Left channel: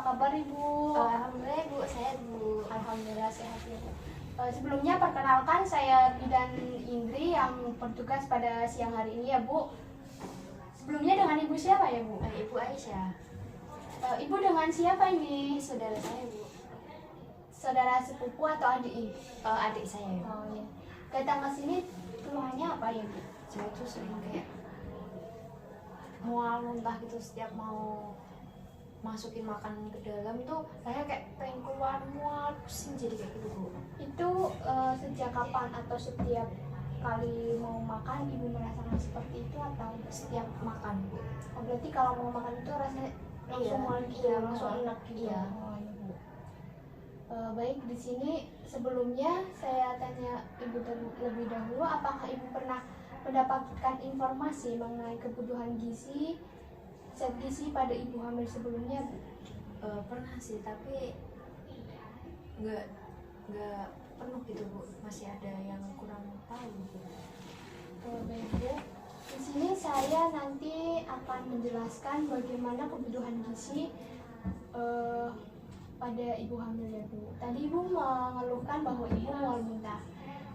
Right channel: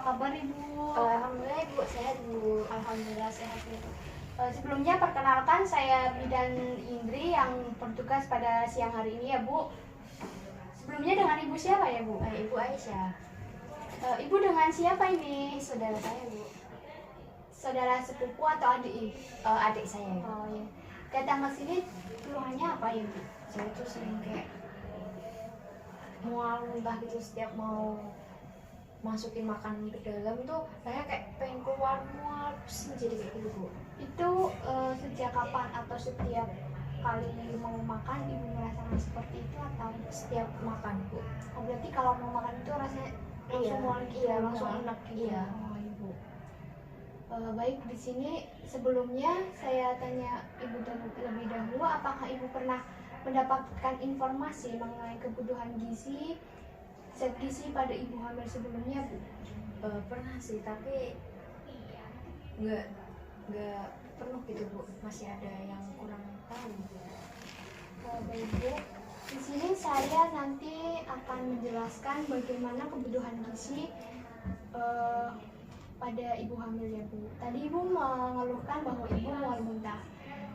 kabar Ibu? Alhamdulillah Bu, sehat Bu. Alhamdulillah sehat ya Bu. Sebelumnya perkenalkan saya Bidan Indri yang bertugas pada siang hari ini ya Bu. Sebelumnya dengan Ibu siapa ya Bu? Ibu Aisyah. Ibu dengan siapa ini? Saudara saya Bu. Saudara sepupu atau adik? Adik saya. Oh ya. Datang ke sini keluhannya apa ya Bu? Saya tuh sering kayak mual muntah gitu setiap mau masukin makanan ke dalam tuh saya kayak pengen keluar mual pusing jadi kayak gitu Bu. Itu sejak kapan atau setiap kali mau makan Ibu merasakan seperti itu atau Setiap makan Bu. oh, berarti kalau mau makan itu rasanya langsung mual gitu? Iya langsung enak gitu. Iya. Oh, Ibu. Baik, di sini sebelumnya saya tanya Ibu lebih dahulu, apakah Ibu pernah mendapatkan informasi mengenai kebutuhan gizi, zat gizi pada ibu hamil sebelumnya, Bu? Pernah sih tapi nggak penuh gitu Bu, masih ada yang kurang tahu. Baik, Bu. Di sini saya nanti akan menjelaskan bagaimana kebutuhan gizi pada ibu hamil ya Bu. Tadi Ibu mengeluhkan bahwa Ibu mual muntah.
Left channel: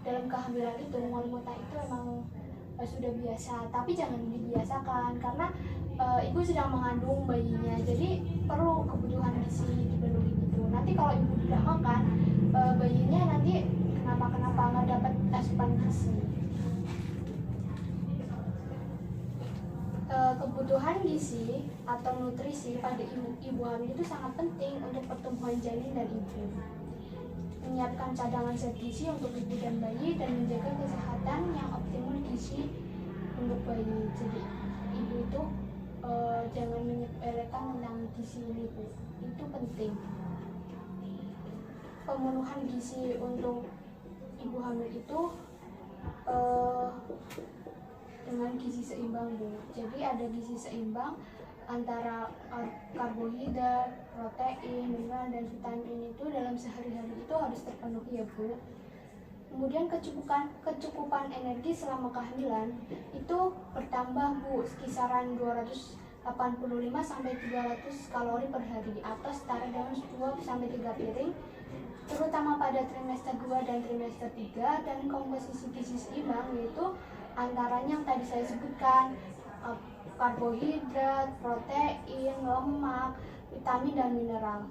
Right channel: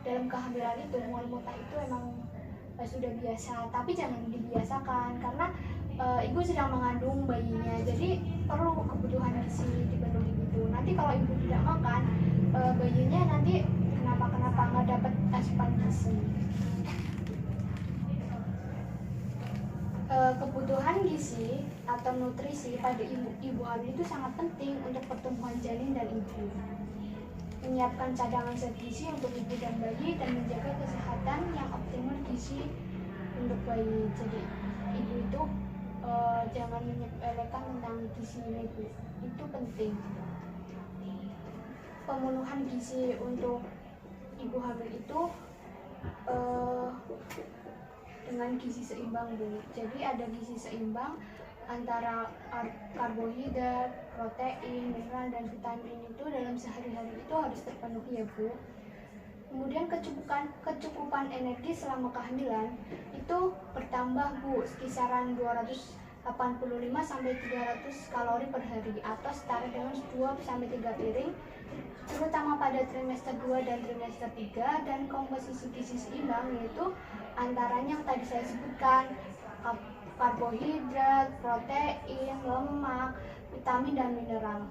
Dalam kehamilan itu mual muntah itu emang sudah biasa, tapi jangan dibiasakan karena Ibu sedang mengandung bayinya, jadi perlu kebutuhan gizi dipenuhi gitu. Nanti kalau Ibu tidak makan, bayinya nanti kenapa nggak dapat asupan gizi. Kebutuhan gizi atau nutrisi pada ibu hamil itu sangat penting untuk pertumbuhan janin dan ibu. Menyiapkan cadangan zat gizi untuk ibu dan bayi dan menjaga kesehatan yang optimal gizi untuk bayi. Jadi ibu itu jangan menyepelekan tentang gizi ini Bu, itu penting. Pemenuhan gizi untuk ibu hamil itu dengan gizi seimbang Bu. Jadi ada gizi seimbang antara karbohidrat, protein, mineral, dan vitamin itu dalam sehari-hari itu harus terpenuhi ya Bu. Kemudian kecukupan energi selama kehamilan itu bertambah Bu, kisaran 285 sampai 300 kalori per hari atau setara dengan 2 sampai 3 piring, terutama pada trimester 2 dan trimester 3. Dan komposisi gizi seimbang yaitu antaranya yang tadi saya sebutkan, karbohidrat, protein, lemak, vitamin, dan mineral.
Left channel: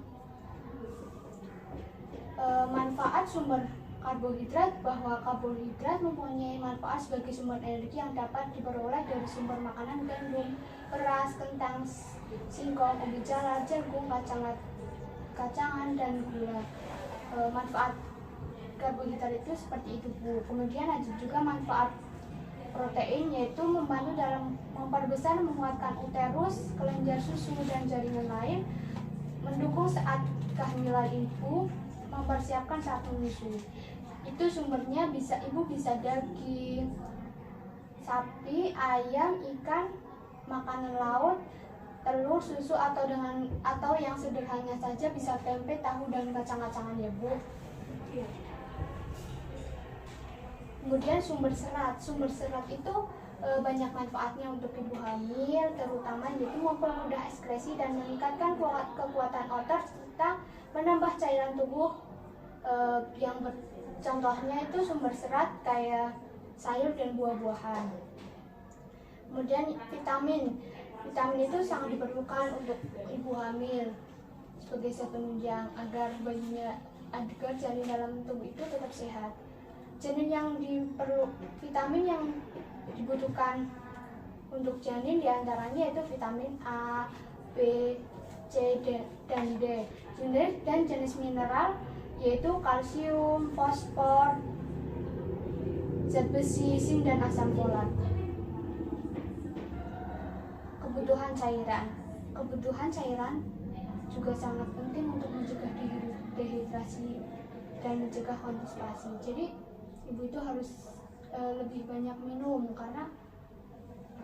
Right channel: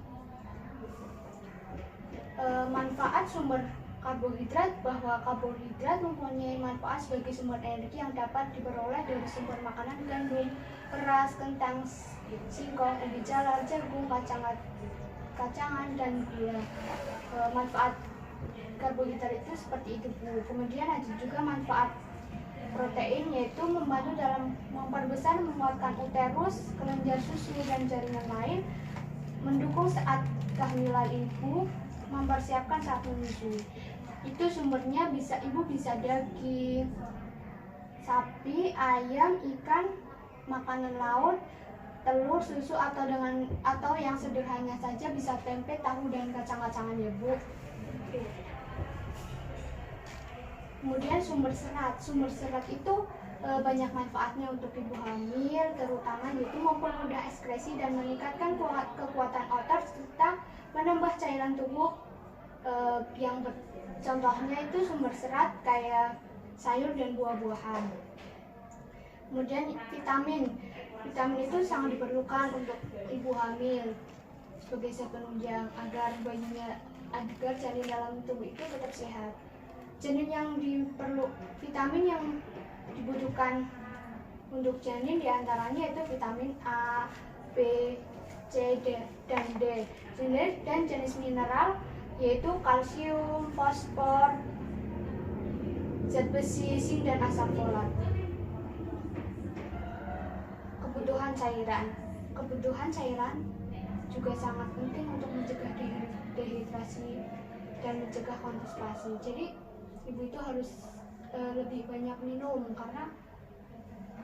Manfaat sumber karbohidrat, bahwa karbohidrat mempunyai manfaat sebagai sumber energi yang dapat diperoleh dari sumber makanan gandum, beras, kentang, singkong, ubi jalar, jagung, kacangan, dan gula. Manfaat karbohidrat itu seperti itu Bu. Kemudian ada juga manfaat protein, yaitu membantu dalam memperbesar, menguatkan uterus, kelenjar susu, dan jaringan lain, mendukung saat kehamilan ibu, mempersiapkan saat menyusui. Itu sumbernya ibu bisa daging sapi, ayam, ikan, makanan laut, telur, susu, atau yang sederhana saja bisa tempe, tahu, dan kacang-kacangan ya Bu. Kemudian sumber serat itu banyak manfaatnya untuk ibu hamil, terutama yaitu mempermudah ekskresi dan meningkatkan kekuatan otot serta menambah cairan tubuh. Contohnya itu sumber serat kayak sayur dan buah-buahan. Kemudian vitamin itu sangat diperlukan untuk ibu hamil sebagai zat penunjang agar janin dalam tubuh itu tetap sehat. Vitamin yang dibutuhkan untuk janin diantaranya itu vitamin A, B, C, dan D. Jenis mineral yaitu kalsium, fosfor, zat besi, zinc, dan asam folat. Kebutuhan cairan juga sangat penting untuk mencegah dehidrasi dan mencegah konstipasi. Jadi ibu itu harus lebih banyak minum karena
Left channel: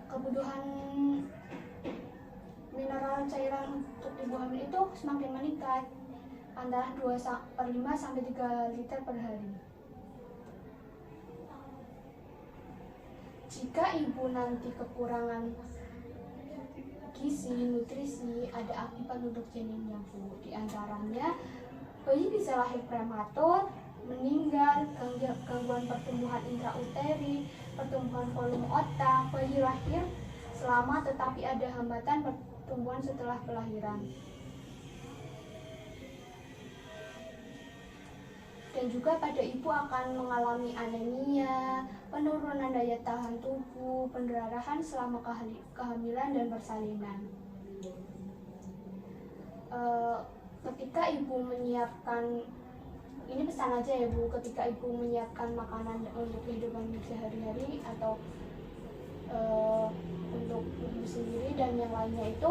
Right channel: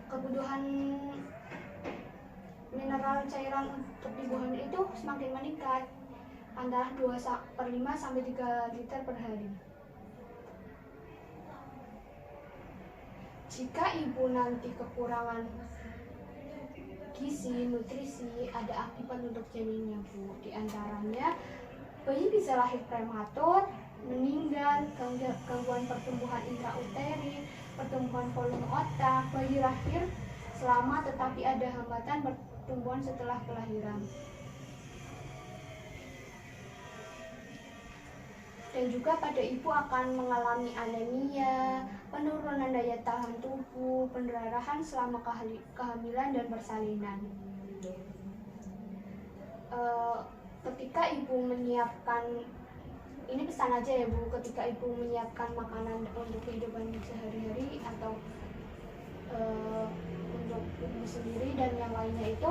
kebutuhan mineral cairan untuk ibu hamil itu semakin meningkat, antara 2/5 sampai 3 liter per hari. Jika ibu nanti kekurangan gizi, nutrisi, ada akibat untuk janinnya Bu. Di antaranya bayi bisa lahir prematur, meninggal, gangguan pertumbuhan intrauteri, pertumbuhan volume otak, bayi lahir selamat tetapi ada hambatan pertumbuhan setelah kelahiran. Dan juga pada ibu akan mengalami anemia, penurunan daya tahan tubuh, pendarahan selama kehamilan dan persalinan. Ketika ibu menyiapkan, ini pesan aja ya Bu, ketika ibu menyiapkan makanan untuk kehidupan sehari-hari atau untuk ibu sendiri dan yang lainnya itu,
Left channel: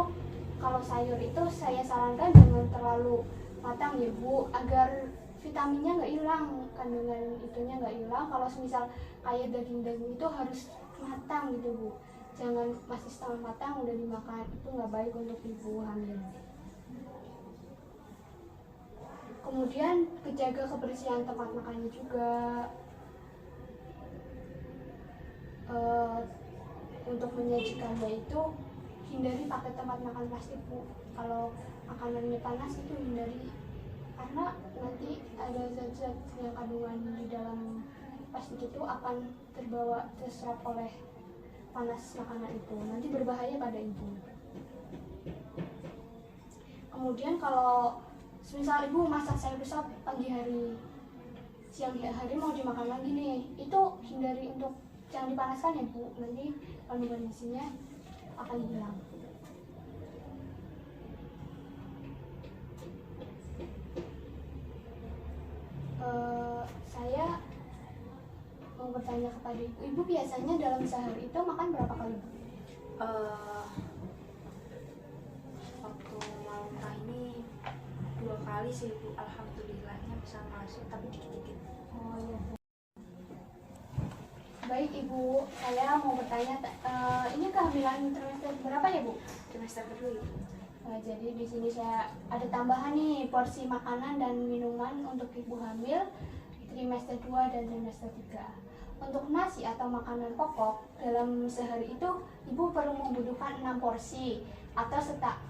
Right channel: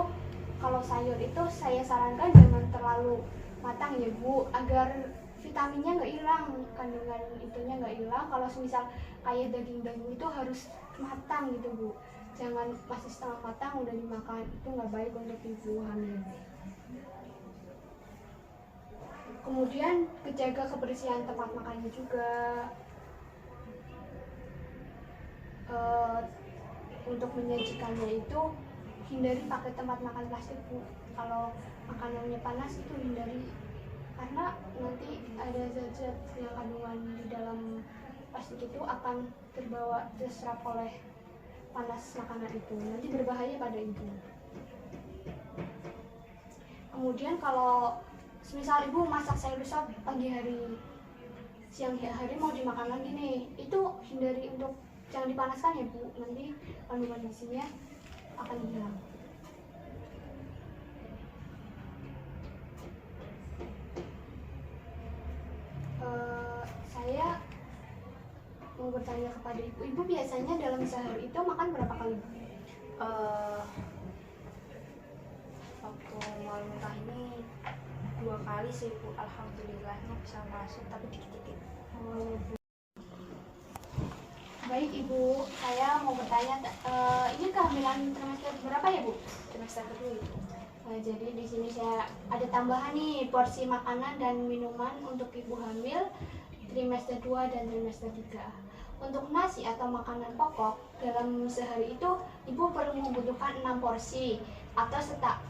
kalau sayur itu saya sarankan jangan terlalu matang ya Bu, agar vitaminnya nggak hilang, kandungan itunya nggak hilang. Kalau misal kayak daging-daging itu harus matang gitu Bu, jangan masih setengah matang udah dimakan, itu nggak baik untuk ibu hamil. Kemudian kejaga kebersihan tempat makannya juga. Untuk menyajikannya itu hindari pakai tempat makan plastik Bu. Kalau makanannya panas itu hindari, karena nanti ada zat-zat yang kandungan di dalam plastik itu akan terserap oleh panas makanan itu, nanti berbahaya pada ibu. Kemudian kalau misal ibu masak sayur sop pagi hari, siang hari mau dimakan lagi nih, itu hindari untuk jangan dipanaskan ya Bu, nanti kandungan gizinya akan hilang. Saya mau bertanya kepada ibu biasanya dalam sehari itu makan berapa kali? Waktu mau nikah ini 2 kali sih Bu, alhamdulillahnya bisa masuk tapi dikit-dikit. Oh iya Bu. Baik Ibu, saya mau bertanya, ini kehamilan trimester berapa ya Bu? Trimester kedua Ibu. Jadi di sini saya ada tambahan nih porsi makanan dan minuman untuk ibu hamil trimester 2 dan trimester 3. Untuk nasi atau makanan pokok dalam sehari itu ibu perlu membutuhkan 6 porsi atau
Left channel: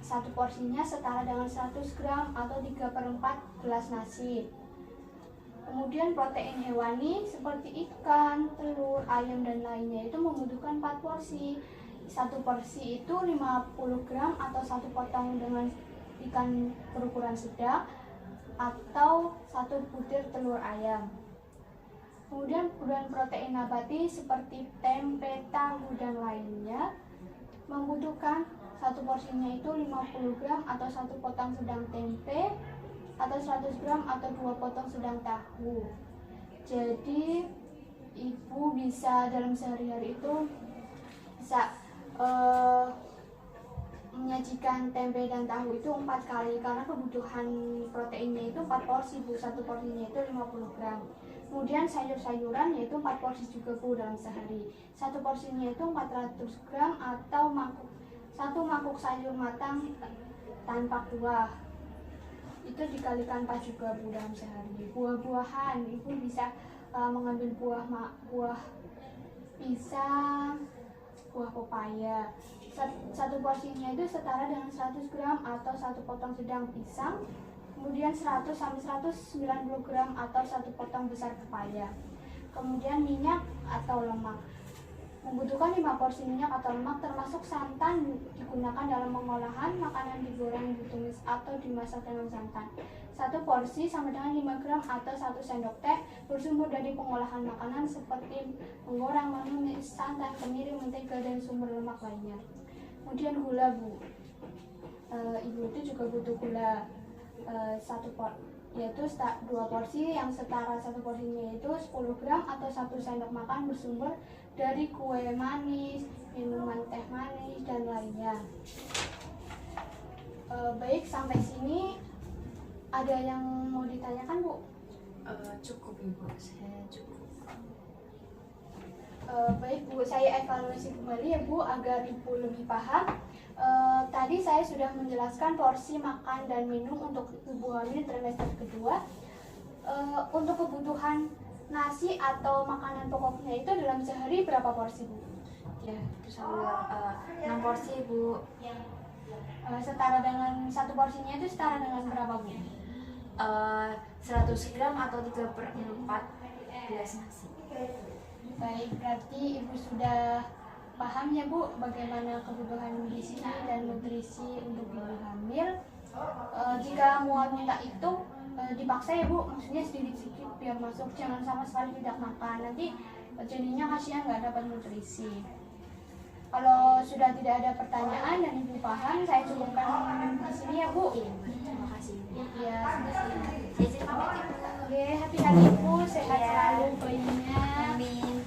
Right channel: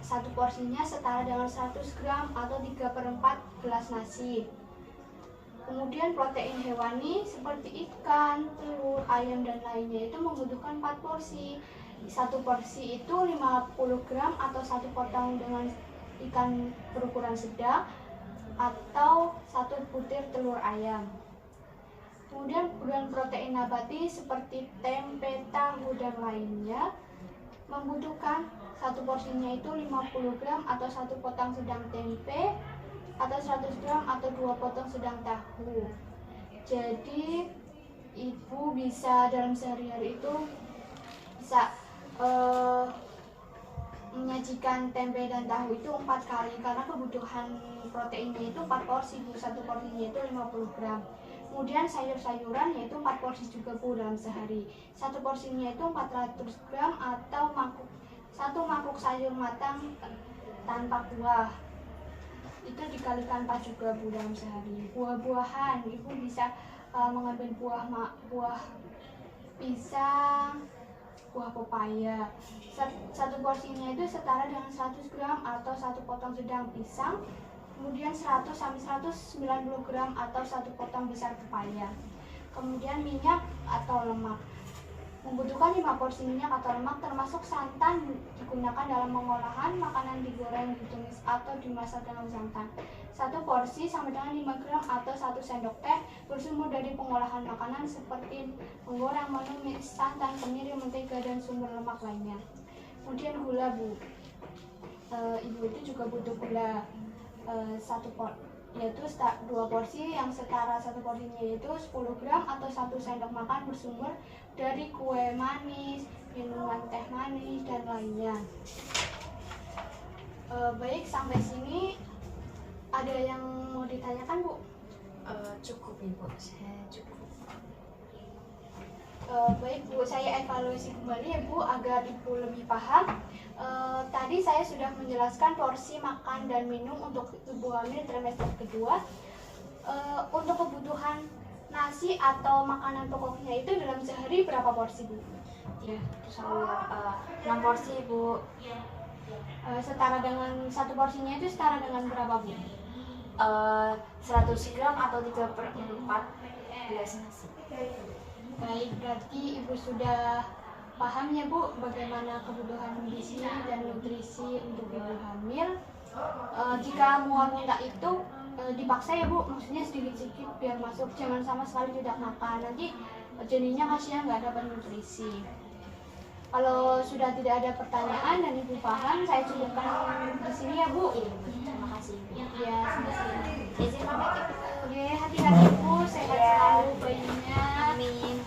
satu porsinya setara dengan 100 gram atau 3/4 gelas nasi. Kemudian protein hewani seperti ikan, telur, ayam dan lainnya itu membutuhkan 4 porsi. Satu porsi itu 50 gram atau satu potong dengan ikan berukuran sedang atau 1 butir telur ayam. Kemudian kebutuhan protein nabati seperti tempe, tahu dan lainnya membutuhkan satu porsinya itu 50 gram atau 1 potong sedang tempe atau 100 gram atau 2 potong sedang tahu. Jadi ibu bisa dalam sehari-hari itu bisa menyajikan tempe dan tahu itu 4 kali karena kebutuhan proteinnya itu 4 porsi Bu, satu porsinya itu 50 gram. Kemudian sayur-sayuran yaitu 4 porsi juga Bu dalam sehari. Satu porsinya itu 400 gram atau satu mangkuk sayur matang tanpa kuah. Itu dikalikan 4 juga Bu dalam sehari. Buah-buahan, ibu bisa mengambil buah pisang, buah pepaya. Satu porsinya itu setara dengan 100 gram atau 1 potong sedang pisang, kemudian 100 sampai 190 gram atau 1 potong besar pepaya. Kemudian minyak atau lemak, membutuhkan 5 porsi minyak atau lemak termasuk santan digunakan dalam pengolahan makanan, digoreng, ditumis atau dimasak dengan santan. Satu porsi sama dengan 5 gram atau 1 sendok teh bersumber dari pengolahan makanan seperti menggoreng, menumis, santan, kemiri, mentega dan sumber lemak lainnya. Kemudian gula Bu, ibu itu juga butuh gula yaitu 2 porsi yang setara satu porsinya yaitu 10 gram atau 1 sendok makan bersumber dari kue manis, minuman teh manis dan lainnya. Baik, sampai sini ada yang mau ditanyakan Bu? Cukup Ibu, saya cukup. Baik Bu, saya evaluasi kembali ya Bu agar Ibu lebih paham. Tadi saya sudah menjelaskan porsi makan dan minum untuk ibu hamil trimester kedua. Untuk kebutuhan nasi atau makanan pokoknya itu dalam sehari berapa porsi Bu? Ya, itu saya 6 porsi Bu. setara dengan satu porsinya itu setara dengan berapa Bu? 100 gram atau 3/4 gelas nasi. Baik, berarti Ibu sudah paham ya Bu bagaimana kebutuhan gizi dan nutrisi untuk ibu hamil. Jika mual-muntah itu dipaksa ya Bu, maksudnya sedikit-sedikit biar masuk, jangan sama sekali tidak makan, nanti jadinya kasihan nggak dapat nutrisi. Kalau sudah tidak ada pertanyaan dan Ibu paham, saya cukupkan di sini ya Bu. Iya, terima kasih. Ya, sampai sini. Izin pamit Ibu. Oke, hati-hati Bu, sehat selalu bayinya. Amin.